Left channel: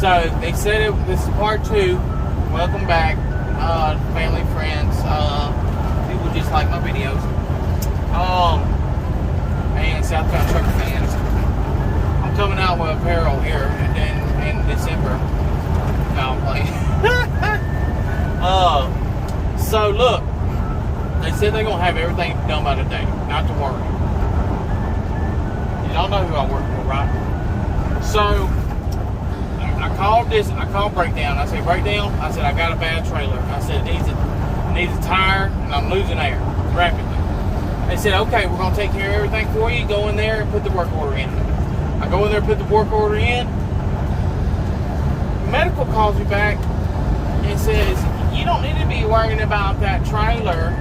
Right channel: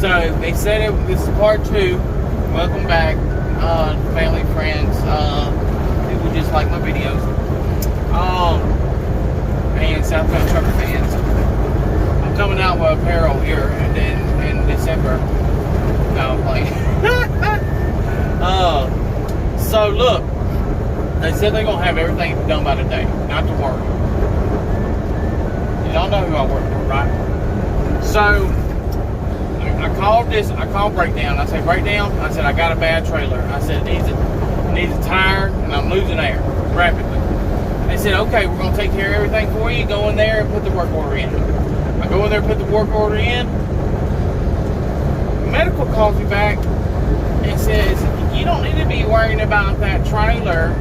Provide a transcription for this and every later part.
So they said this is part 2. Welcome back, family, friends, people just like my videos, and Southbound Trucker fans. I'm coming out with apparel here and then in December. Now I'm playing. So look, they said they're gonna have everything done by today, not to work. Y'all know who I work for, right? So I called Breakdown. I said, Breakdown, I said, I got a bad trailer. I said, it needs a tire, and I'm losing air rapidly. They said, okay, we're going to take care of everything for you. Go in there and put the work order in. I go in there and put the work order in. Medical calls me back and says, you don't need to be worrying about that trailer.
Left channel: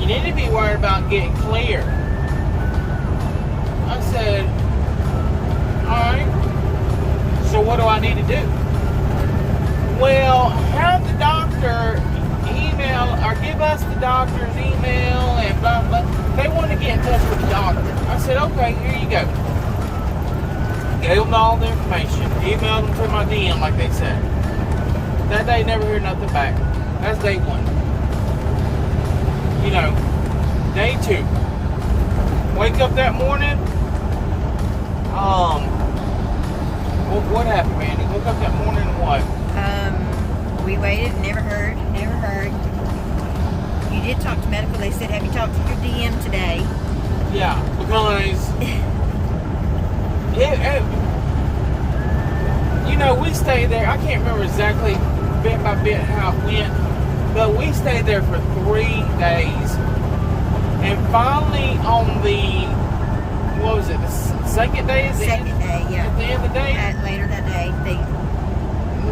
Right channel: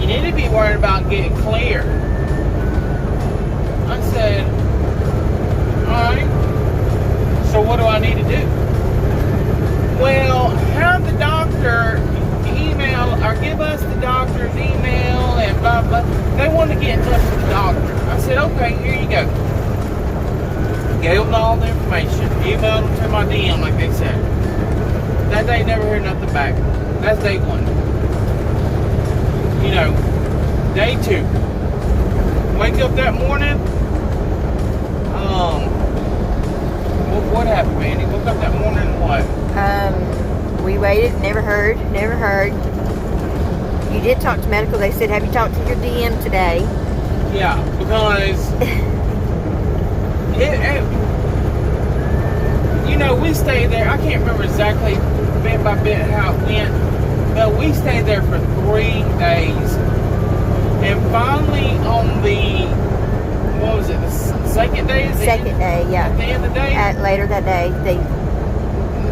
You need to be worried about getting clear. I said, all right. So what do I need to do? Well, have the doctor email or give us the doctor's email and blah, blah. They want to get in touch with the doctor. I said, okay, here you go. Gave them all the information. Emailed them to my DM like they said. That day, never heard nothing back. That's day 1. You know, day 2. Wake up that morning. What happened, Mandy? Woke up that morning and what? We waited, never heard. You did talk to medical. They said, have you talked to your DM today? Yeah, because you know, we stayed there. I can't remember exactly bit by bit how it went, but we stayed there for 3 days. And finally on the, what was it, the second day? Second day, yeah. At the end of the day? Later that day.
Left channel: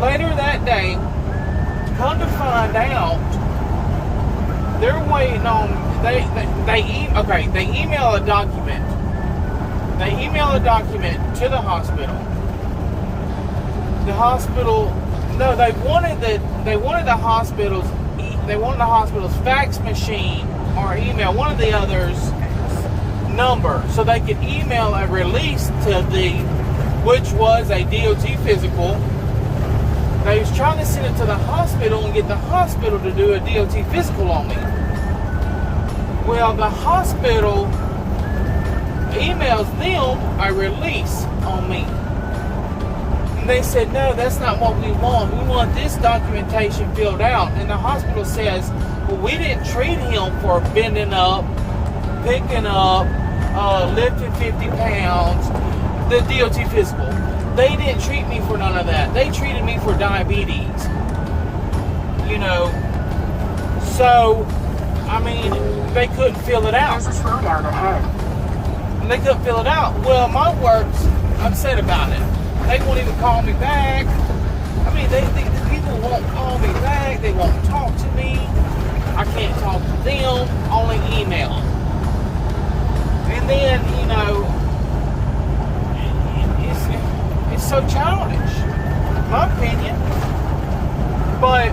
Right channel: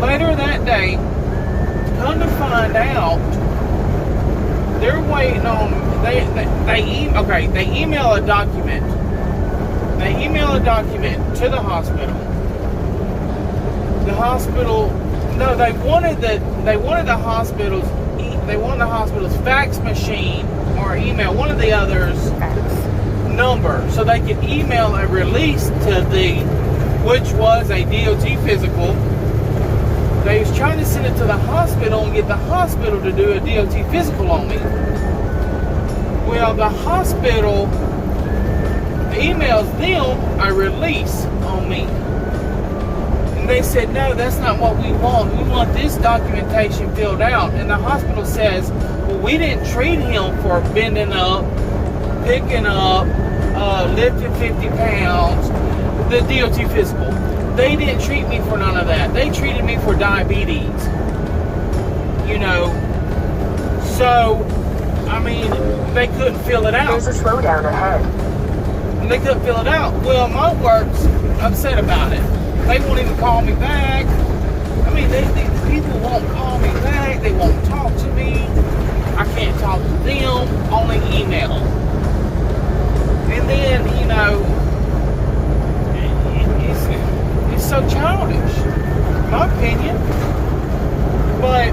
Later that day, come to find out, they're waiting on, they email a document. They email a document to the hospital. The hospital, no, they wanted the hospital's fax machine or email, one of the others, number, so they could email a release to which was a DOT physical. They was trying to send it to the hospital and get the hospital to do a DOT physical on me. Well, the hospital emails them a release on me. And they said, no, that's not what we want. We want this documentation filled out. And the hospital says, well, we didn't treat him for bending up, picking up, lifting 50 pounds, the DOT physical. They didn't treat me for none of that. They treated me for diabetes. You know, so, I mean, they couldn't fill it out. There's a slowdown ahead. They couldn't fill it out. Well, my work's upset about it. They won't even call me back. I mean, they either won't call me back, they won't talk to me. I can't talk to them, only email. And then, you know, it's so childish, in my opinion. But,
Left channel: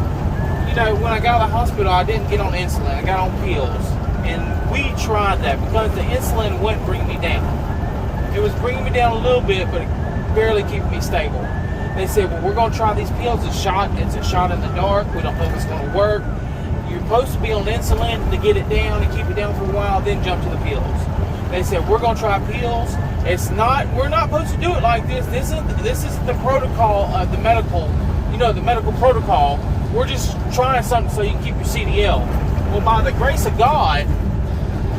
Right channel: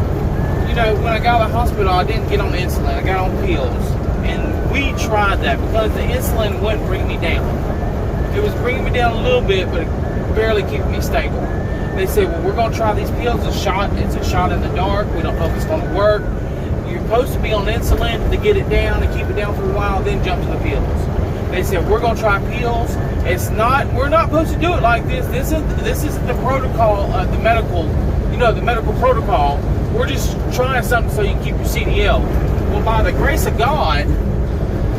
you know, when I got out of the hospital, I didn't get on insulin. I got on pills. And we tried that because the insulin wouldn't bring me down. It was bringing me down a little bit, but it barely kept me stable. They said, well, we're going to try these pills. It's a shot in the dark. We don't know if it's going to work. You're supposed to be on insulin to get it down and keep it down for a while, then jump to the pills. They said, we're going to try pills. We're not supposed to do it like this. This is the protocol, the medical protocol. We're just trying something so you can keep your CDL. Well, by the grace of God,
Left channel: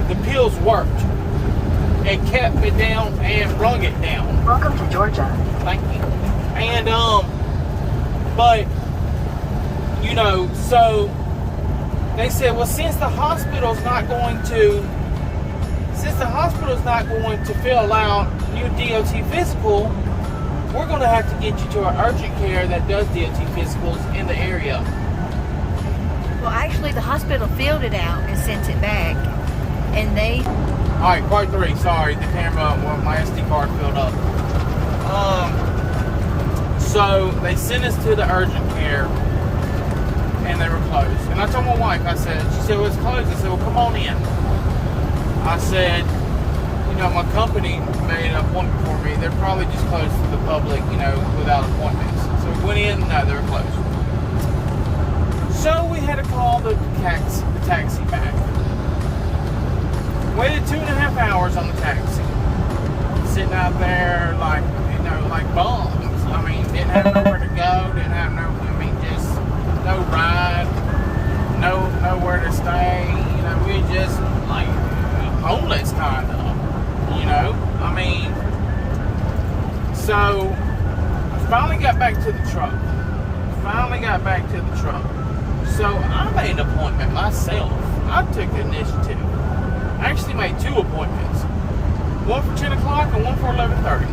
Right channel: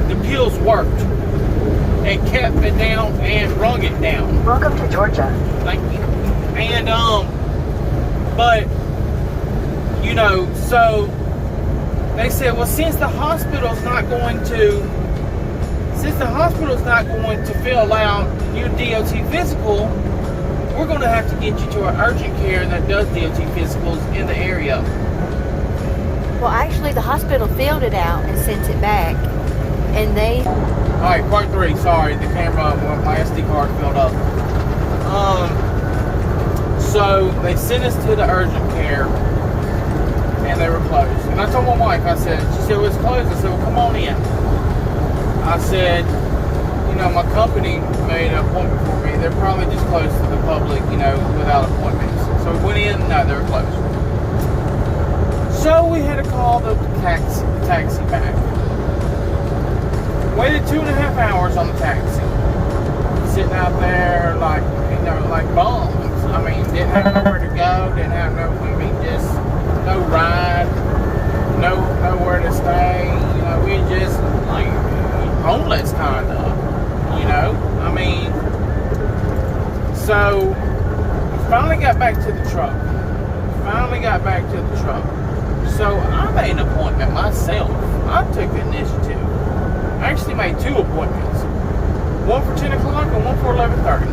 the pills worked and kept it down and brung it down. Welcome to Georgia. Thank you. And, but, you know, so they said, well, since the hospital's not going to fill out your DOT physical, we're going to have to get you to an urgent care that does DOT physicals in the area. Well, actually, the hospital filled it out and sent it back, and they... All right, part 3. Sorry, the camera, my SD card filled up. So they sent us to the urgent care, and they were closed. And I told my wife, she said, well, it's closed. I said, well, come on in. I said, my company made an appointment for me. They're probably just closed to the public, without appointments. So we went in, no, they were closed. So we had to call the taxi back. Waited 2.5 hours on the taxi. Sitting out there like bums. I mean, didn't have nowhere to go, didn't have just no ride, nowhere to stay. We just like homeless kind of, I mean, so finally got back to the truck. So I made an appointment myself. I took the initiative. I actually made 2 appointments. One for 10 o'clock and one for 11:30.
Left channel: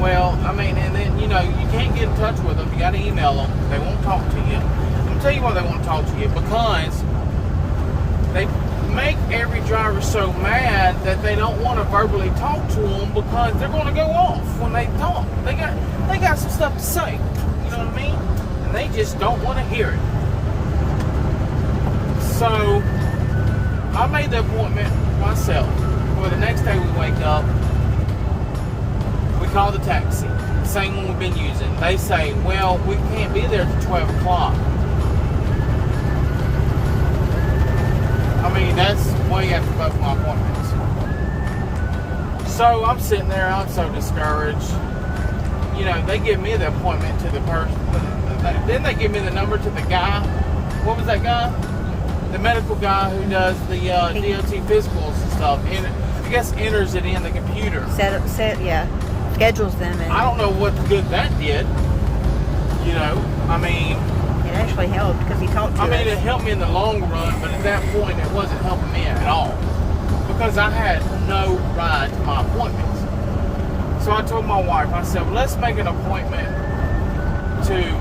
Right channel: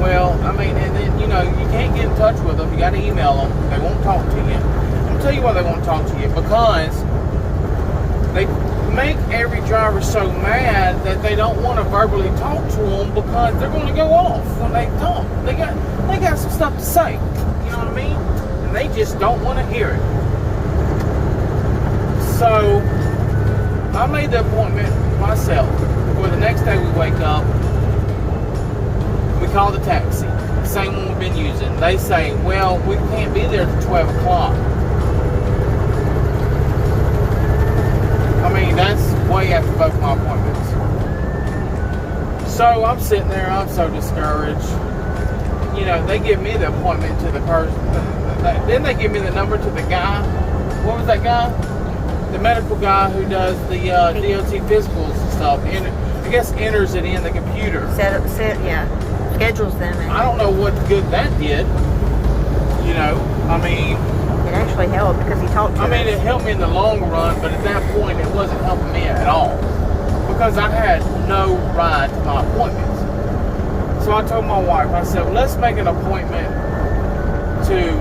Well, I mean, and then, you can't get in touch with them. You got to email them. They won't talk to you. Let me tell you why they won't talk to you. Because they make every driver so mad that they don't want to verbally talk to them because they're going to go off when they talk. They got some stuff to say. You know what I mean? And they just don't want to hear it. So I made the appointment myself. Well, the next day we wake up, we call the taxi, the same one we've been using. They say, well, we can't be there till 12 o'clock. I mean, that's way after both my appointments. So I'm sitting there, I'm so discouraged. They give me the appointment to the person. Then they give me the number to the guy. What was that guy? The medical guy who does the DOT physicals and stuff. And I guess enters it in the computer. Schedules them. I don't know what good that did. I mean, it actually helped because he talked to us. It helped me in the long run, but at that point, it wasn't helping me at all because I had no ride to my appointments. So I told my wife, I said, well, let's make an appointment to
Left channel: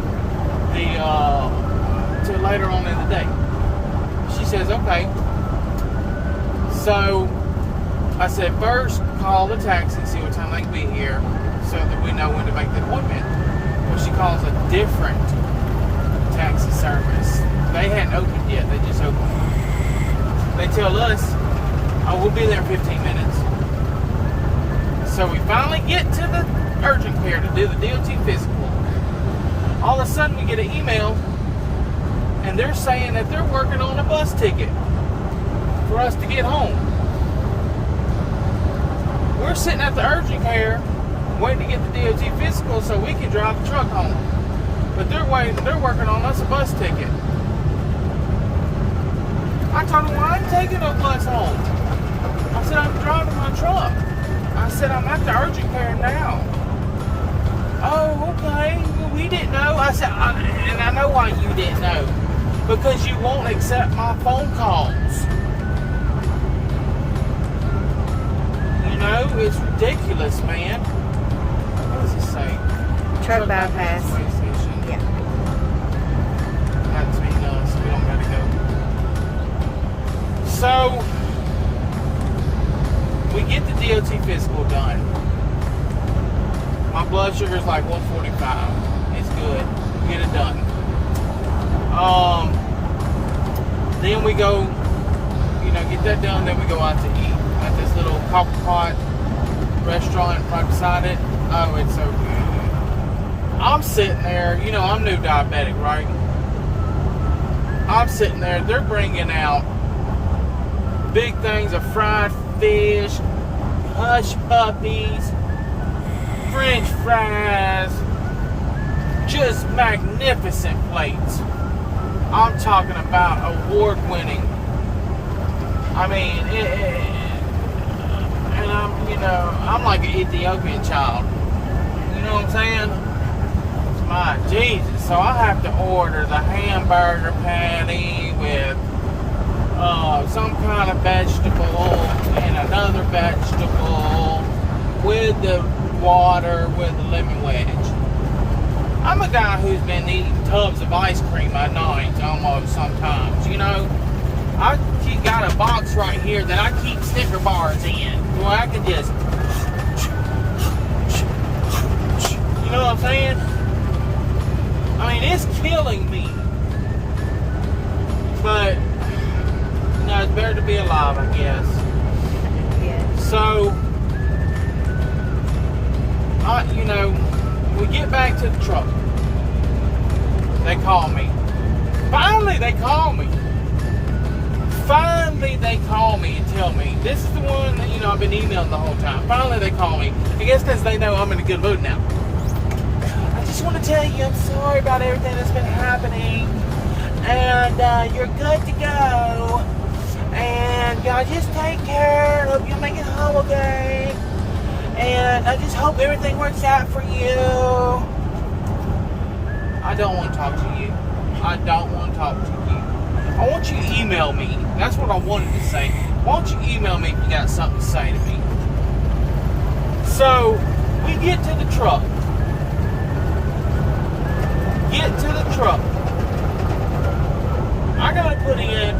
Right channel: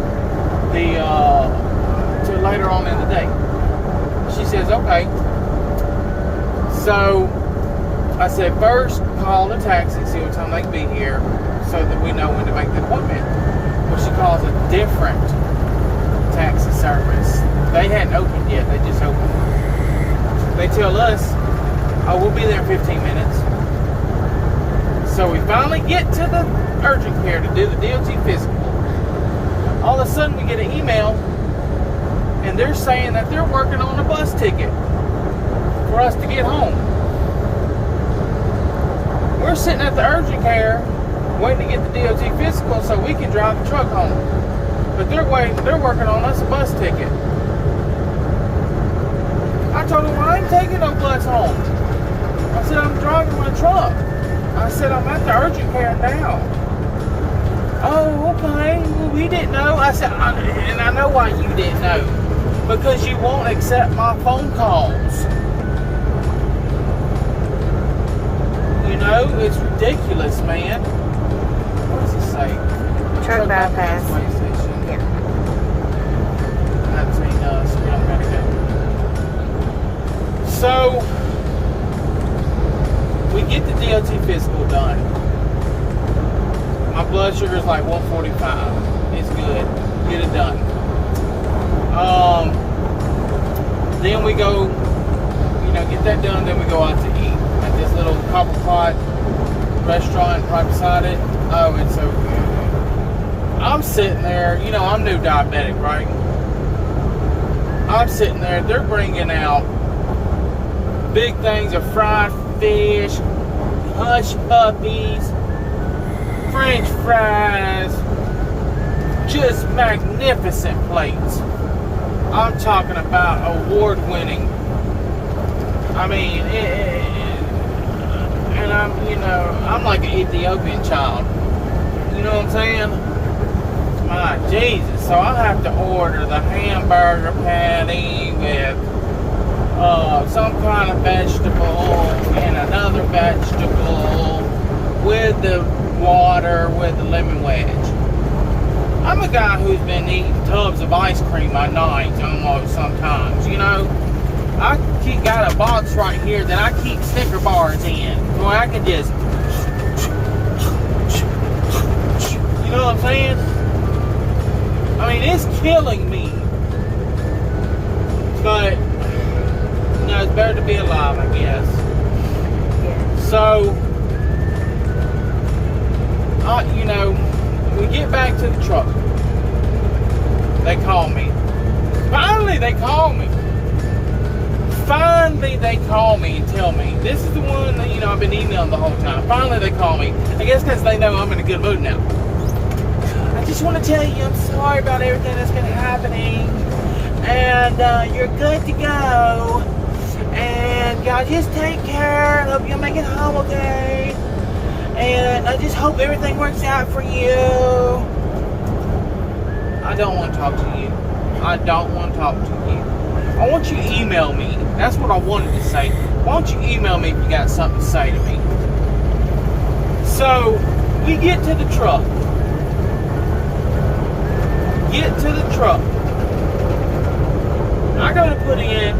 later on in the day. She says, okay. So I said, first call the taxi, see what time they can be here so that we know when to make the appointment. Well, she calls a different taxi service. They hadn't opened yet, they just opened. They tell us, oh, we'll be there in 15 minutes. So we finally get to the urgent care to do the DOT physical. All of a sudden we get an email and they're saying that they're working on a bus ticket for us to get home. We're sitting at the urgent care waiting to get the DOT physical so we can drive the truck home. But they're working on us a bus ticket. I told them, I ain't taking no bus home. I said, I'm driving my truck. I said, I'm at the urgent care now. Oh, okay. Well, we didn't know. I said, and I know why you didn't know. Because you won't accept my phone calls. It's ridiculous, man. What does it say? Truck bypass. Way station. Yeah. That's me, so we don't gotta go. So we get the DOT physical done. My blood sugar is like 145. It's good. Get it done. Then we go, get that done. Then we go out to eat at this little copper pot restaurant right beside it. Oh, it's so good. I'm sitting there. I'm new diabetic, right? I'm sitting there. They're bringing out big things of fried fish, hush puppies, French fries, just magnificent plates. I'm talking about award-winning. I mean, and I'm like an Ethiopian child. You know what I'm saying? My Jesus. So I have to order the hamburger patty with some kind of vegetable and another vegetable with the water with the lemon wedge. I'm a guy who's been eating tubs of ice cream at night almost sometimes, I got a box right here that I keep Snicker bars in where I can just, you know what I'm saying? I mean, it's killing me. But, no, it's better to be alive, I guess. you know, we get back to the truck. They call me. Finally, they call me. Finally, they call me and tell me, this is the one that, you know, I've been emailing the whole time. Finally, they call me. I guess because they know I'm in a good mood now. I just want to tell you, I'm sorry about everything that's been happening. And you're good to go. And y'all just take care. And hope you'll make it home okay. And I just hope everything works out for you. I don't want to talk to you. I don't want to talk to you. I want you to email me. That's what I wanted to say. Why don't you email me if you got something to say to me? So, we get to the truck. Get to the truck. I gotta put in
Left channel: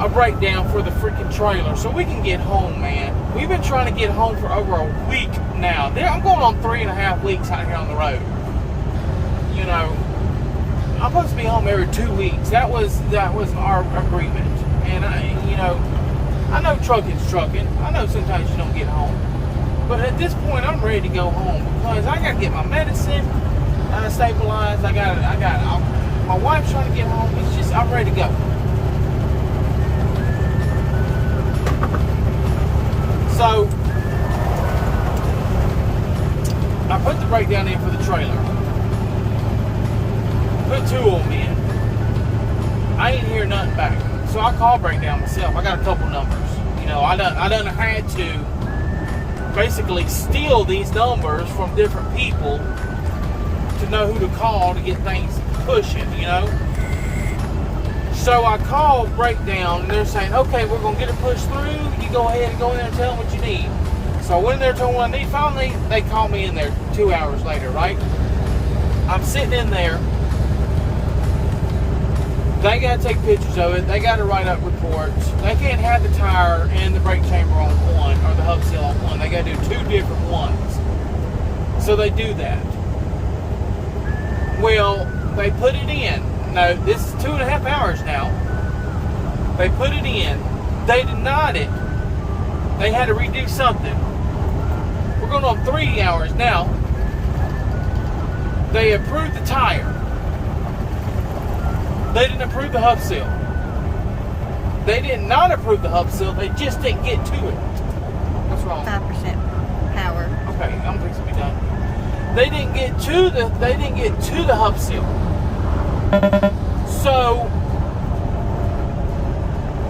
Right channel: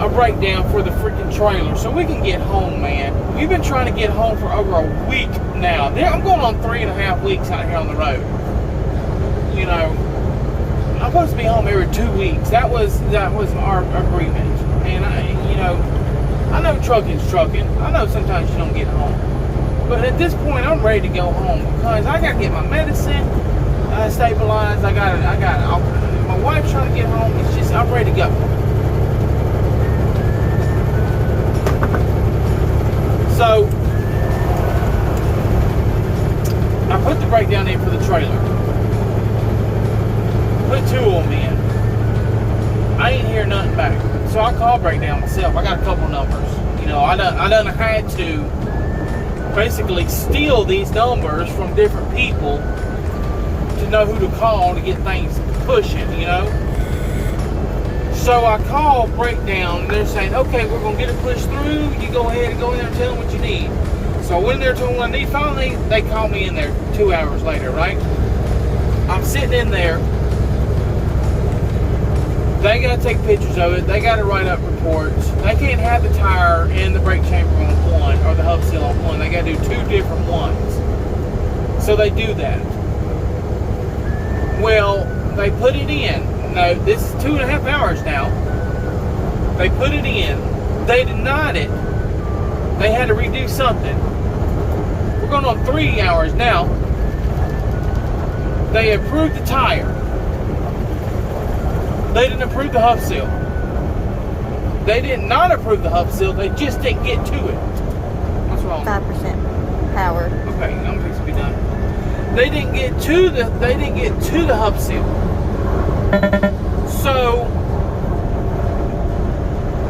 a breakdown for the freaking trailer so we can get home, man. We've been trying to get home for over a week now. I'm going on 3.5 weeks out here on the road. You know, I'm supposed to be home every 2 weeks. That was our agreement. And I know trucking's trucking. I know sometimes you don't get home. But at this point, I'm ready to go home because I got to get my medicine stabilized. My wife's trying to get home. It's just, I'm ready to go. So, I put the breakdown in for the trailer. Put 2 of them in. I ain't hear nothing back. So I called breakdown myself. I got a couple numbers. You know, I done had to basically steal these numbers from different people to know who to call to get things pushing, you know. So I called breakdown and they're saying, okay, we're gonna get it pushed through. You go ahead and go in there and tell them what you need. So I went in there and told them what I need. Finally, they called me in there 2 hours later, right? I'm sitting in there. They got to take pictures of it. They got to write up reports. They can't have the tire and the brake chamber on one or the hub seal on one. They got to do 2 different ones. So they do that. Well, they put it in. No, this is 2.5 hours now. They put it in. They denied it. They had to redo something. We're going on 3 hours now. They approved the tire. They didn't approve the hub seal. They did not approve the hub seal. They just didn't get to it. What's wrong? 5% power. Okay, I'm fixing to be done. They didn't get to the hub seal. So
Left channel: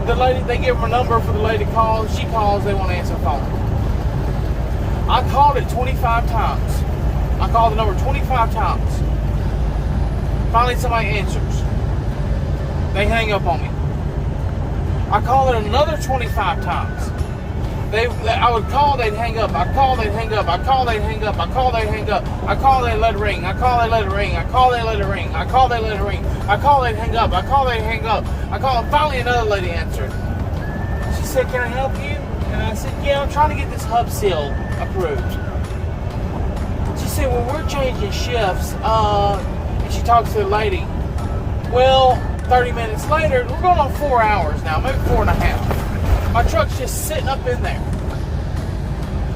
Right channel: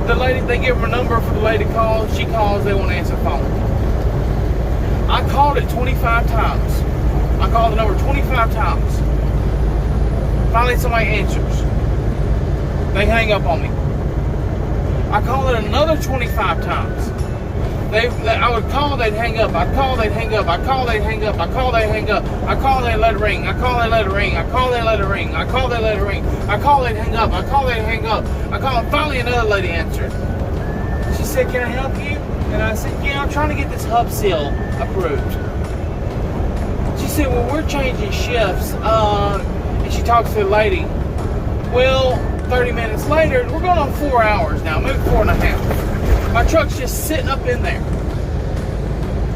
the lady, they give her a number for the lady to call. She calls. They won't answer the phone. I called it 25 times. I called the number 25 times. Finally, somebody answers. They hang up on me. I call it another 25 times. I would call, they'd hang up. I call, they'd hang up. I call, they'd hang up. I call, they'd hang up. I call, they'd let it ring. I call, they'd let it ring. I call, they'd let it ring. I call, they'd let it ring. I call, they'd hang up. I call, they'd hang up. I call, and finally another lady answered. She said, "Can I help you?" And I said, "Yeah, I'm trying to get this hub seal approved." She said, "Well, we're changing shifts." And she talks to the lady. Well, 30 minutes later, we're going on 4 hours now, maybe 4.5. My truck's just sitting up in there.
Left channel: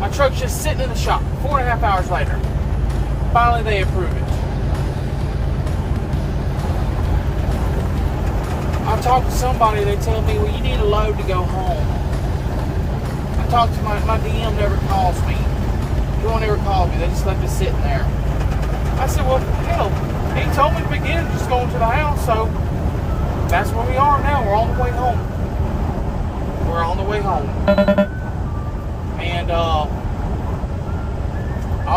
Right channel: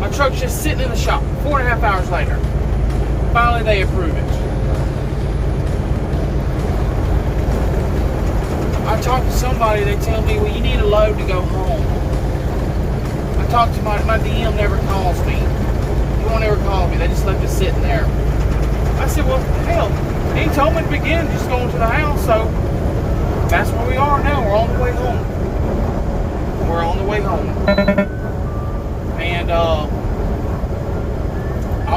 My truck's just sitting in the shop. 4.5 hours later. Finally, they approve it. I talked to somebody, they tell me, well, you need a load to go home. I talked to my DM never calls me. They won't ever call me. They just left it sitting there. I said, well, hell, he told me at the beginning, just going to the house, so that's where we are now. We're on the way home. We're on the way home. And I'll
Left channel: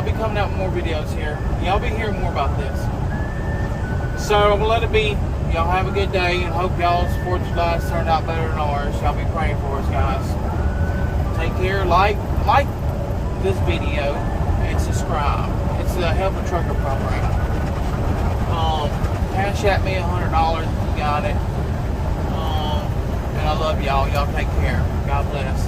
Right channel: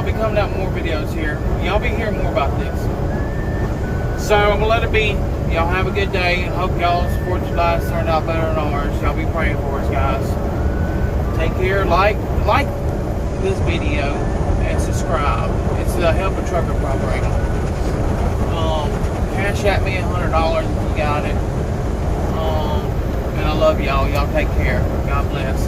be coming out with more videos here. Y'all be hearing more about this. So I'm going to let it be. Y'all have a good day, and hope y'all's 4th of July turned out better than ours. Y'all be praying for us, guys. Take care. Like this video and subscribe. It's the Help a Trucker program. Cash at me $100 if you got it. And I love y'all. Y'all take care. God bless.